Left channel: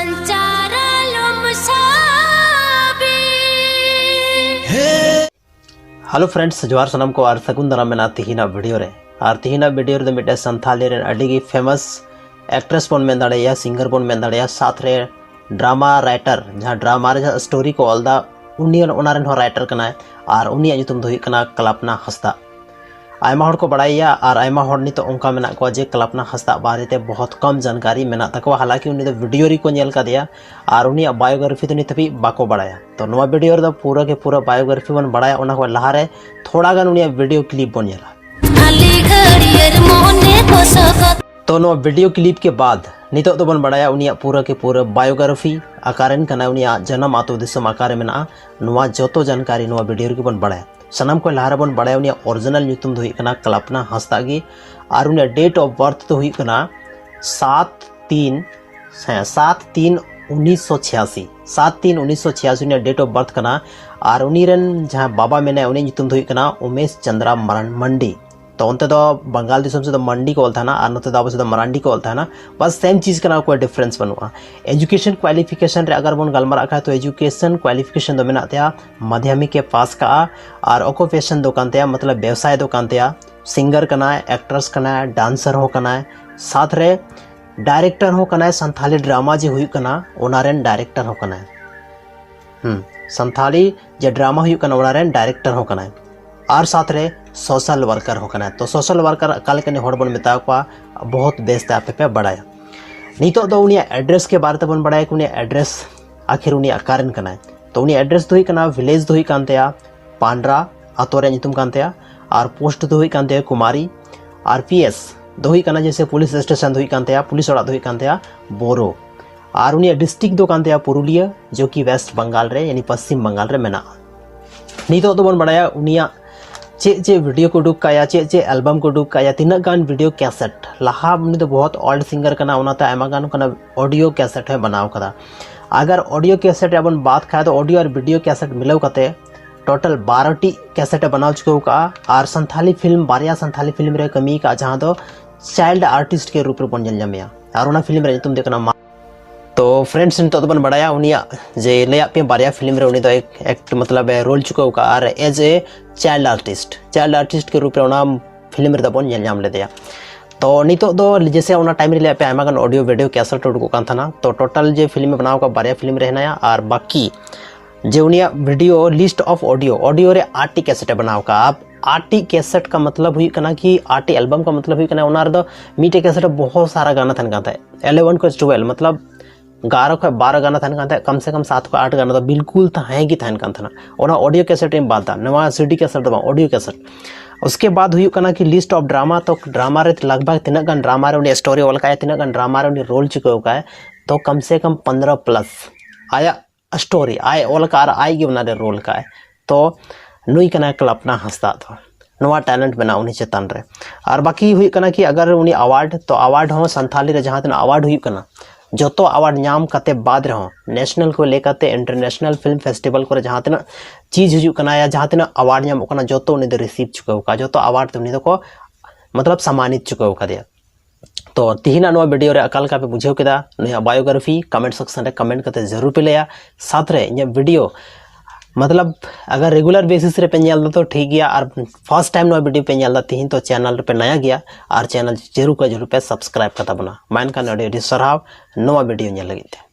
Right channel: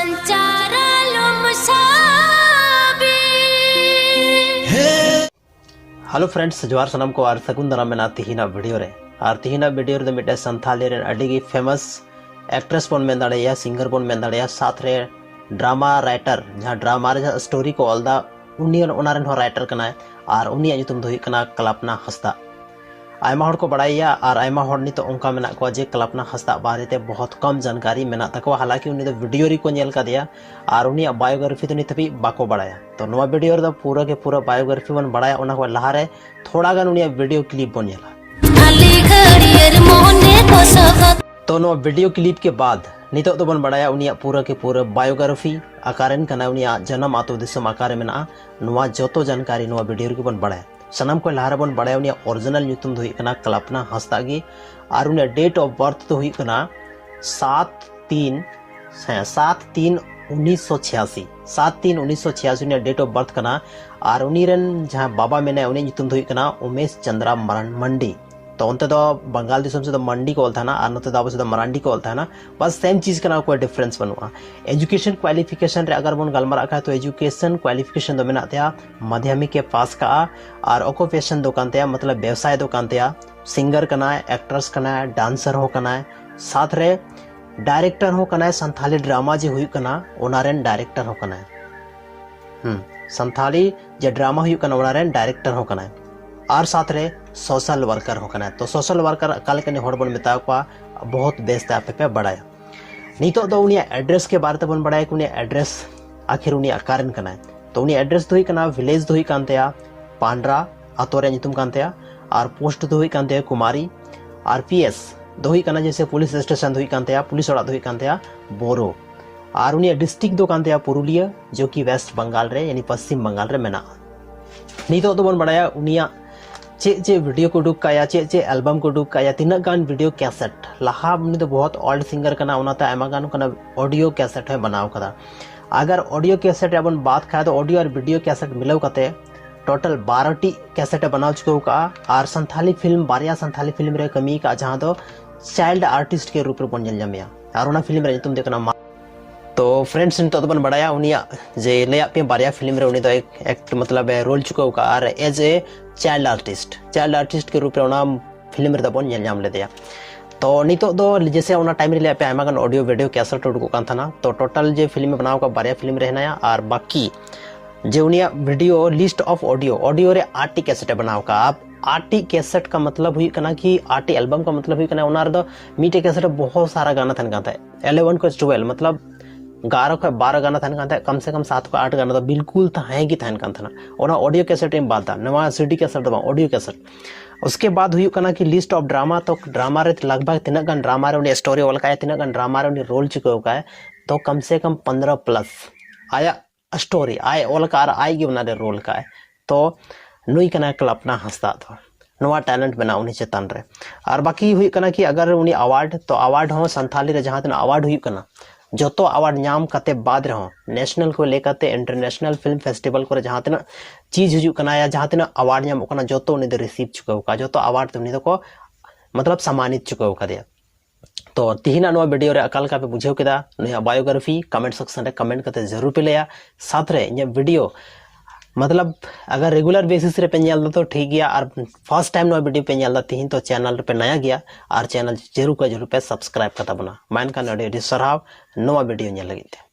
Hello friends जोहार सनम को और सगुन दाराम मेना तिहिना वीडियो रे और तिहिना वीडियो रे मिटे संथाली रे अडिगी फेमस एक्ट्रेस बोन मेन दाड़ेया सिंगर बोन मेन दाड़ेया साथ रे ड्रामा राइटर जहां ड्रामा रे स्टोरी को ऑलदा उनियन ओनारन हो राइटर कनाय और उनिया युतुम दो हुई कना कल्पना हंसदा आयमा हड़ को बड़ाइया और आयमा हड़ नितो उनका मेना को जे कल्पना हंसदा बारे बहुत कम जानकारी मेना तको हालांकि उनी वीडियो री को नेल कादिया और उनिया बायोग्राफी तो नित भी बाको बड़ाया तो नवा वीडियो रे पूरा के पूरा बायोग्राफी बन बड़ाया उना को लहारे थोड़ा गान उनिया वीडियो क्लिप बन नेला तो नवा वीडियो क्लिप के बाद नितो तो बन बड़ाया उनिया पूरा के पूरा बायोग्राफी आकारन कना उनिया जन्म आतो दिसम आकार मेना नवा जोतो जानकारी नवा वीडियो रे बन बड़ाया सनम को लहारा बन बड़ाया उनिया ओरिजिनल न्यूतुम दो हुई कना कल्पना हंसदा गी और उनिया डेट ऑफ बर्थ तो हुई कना 7/3/1986 7/3/1986 उनिया डेट ऑफ बर्थ कना और उनीरन जहां बाबा मेना उनी न्यूतुम दो हुई कना उमेश चंद्रा मंडी तो उनते तो बंगाल दिसम से तो मंडी को था ना और नते दाबो से तो मरांडी को था ना बस सेम चीज कना कोई डिफरेंस बनुआ एजुकेशन क्वालिफिकेशन रे अगर बन गलमारा खा तो एजुकेशन क्वालिफिकेशन दो मेना तया माध्यमिक के पास का और ऑक्यूपेशन दो कानते मतलब व्यवसाय दो कानते सिंगर कना एक्ट्रेस कना डांसर हो कना साथ रे डायरेक्टर हो कना संथाली ड्रामा जे हुई कना ओनारेन डायरेक्टर हो कना संथाली जे ड्रामा हुई कना ओनारेन डायरेक्टर हो कना और साथ रे सोशल वर्कर हो कना तो सोशल वर्कर काल के हड़ बन मेता को बहुत बेस्ट आपे पे बढ़ाया नितो दो उनिया एड्रेस के बारे बन बढ़ाया कि उनिया एड्रेस आखिर उनिया कारण कना तो उनिया एड्रेस दो ही कना विलेज दो ही कानते पांड्रा आतोरे नितुम कानते और पोस्ट दो ही कानते कुमारी आरपीएस दो ही कना जैसे पुलिस स्टेशन दो ही कानते पुलिस ओड़ा दो ही कानते बोरो और उनिया डिस्ट्रिक्ट दो कानते पुरुलिया जो कि वेस्ट बंगाल रे यानी पश्चिम बंगाल रे मेना नितो दो बन बढ़ाया उनिया चे वीडियो को उडुक काया चे एल्बम को उडुक काया तीना गान वीडियो कैसेट लहा उनी तो बहुत ओल्ड सिंगर कना उनाता आयमा गान कना ऑडियो कैसेट है बनाव कदा अगर ऑडियो कैसेट अपन बात खाए तो ऑडियो और वीडियो कैसेट मिलाव कते टोटल 12टी कैसेट बनाव चुको का और संथाली फिल्म बारिया संथाली फिल्म रे कमी का जहां तो चाइल्ड आर्टिस्ट के रूप रे बन जलमिया और उना फिल्म रे तुम देखना तो फ्रेंड्स नितो बन बढ़ाया उनिया जे लेया पे बारिया फिल्म रे उनी तो एक मतलब रोल चुको का और एज ए चाइल्ड आर्टिस्ट के रूप में उना फिल्म रे बन नाम लेदया तो नितो दो जैसे उना टाइम रे पे आमा गान ऑडियो वीडियो कैसेट उडको कान थाना तो टोटल जे फिल्म बनाव का बारिया फिल्म रे हनाया और बाकी जे उनिया वीडियो लिस्ट ऑफ ऑडियो रे 8टी कैसेट बनाव का आप 8टी कैसेट का मतलब हुई कना कि 8टी एल्बम का मतलब हुई कना उना रे दो मीटे कैसेट बहुत सारा गाना थन गाता है 11 को 12 मतलब 11 को 12 गाना थन कांता कम से कम 7 को 8 गाना तो बिल्कुल थाहे की थन कान थाना ओना ऑडियो कैसेट में बालता नवा सीडी कैसेट दबा ऑडियो कैसेट उसके बाद हुई कना कि लिस्ट ऑफ ड्रामा तो ड्रामा रे लगभग तिना गान ड्रामा रे उनी स्टोरी ओल का तिना गान ड्रामा रे उनी रोल चुको का है तो कम से कम 15 प्लस आया स्टोरी आए ओल का आई गे उना रे रोल का है तो नुई कना कल्पना हंसदा तो नवा टैलेंट बना उनी चेतन रे और बाकी हुई कना कि अगर उनी अवार्ड तो अवार्ड हो संथाली रे जहां तना अवार्ड हुई कना जोतो अवार्ड नाम कते बाद रहो नेशनल को लेकर इंटरनेशनल फिल्म फेस्टिवल को जहां तना चीज हजू कना या जहां तना अवार्ड नाम कना जोतो उनी दे रिसीव चुको का जोतो अवार्ड उनी को मतलब सम्मानित चुको का दिया तो तिहिना नो वीडियो रे अकाल का पे बुझेव केदा नया बायोग्राफी कमेंट सेक्शन रे कमेंट करते जरूर पे लिया साथ रे ये वीडियो मतलब अगर रेगुलर बेसिस रे पे नेल तो ठीक गया और फर्स्ट टाइम नो वीडियो पे नेल तिहिन तो चैनल पे नया गया और चैनल जरूर पे सब्सक्राइब करता बना मान का नडे सराव नवा वीडियो नेल लगिते।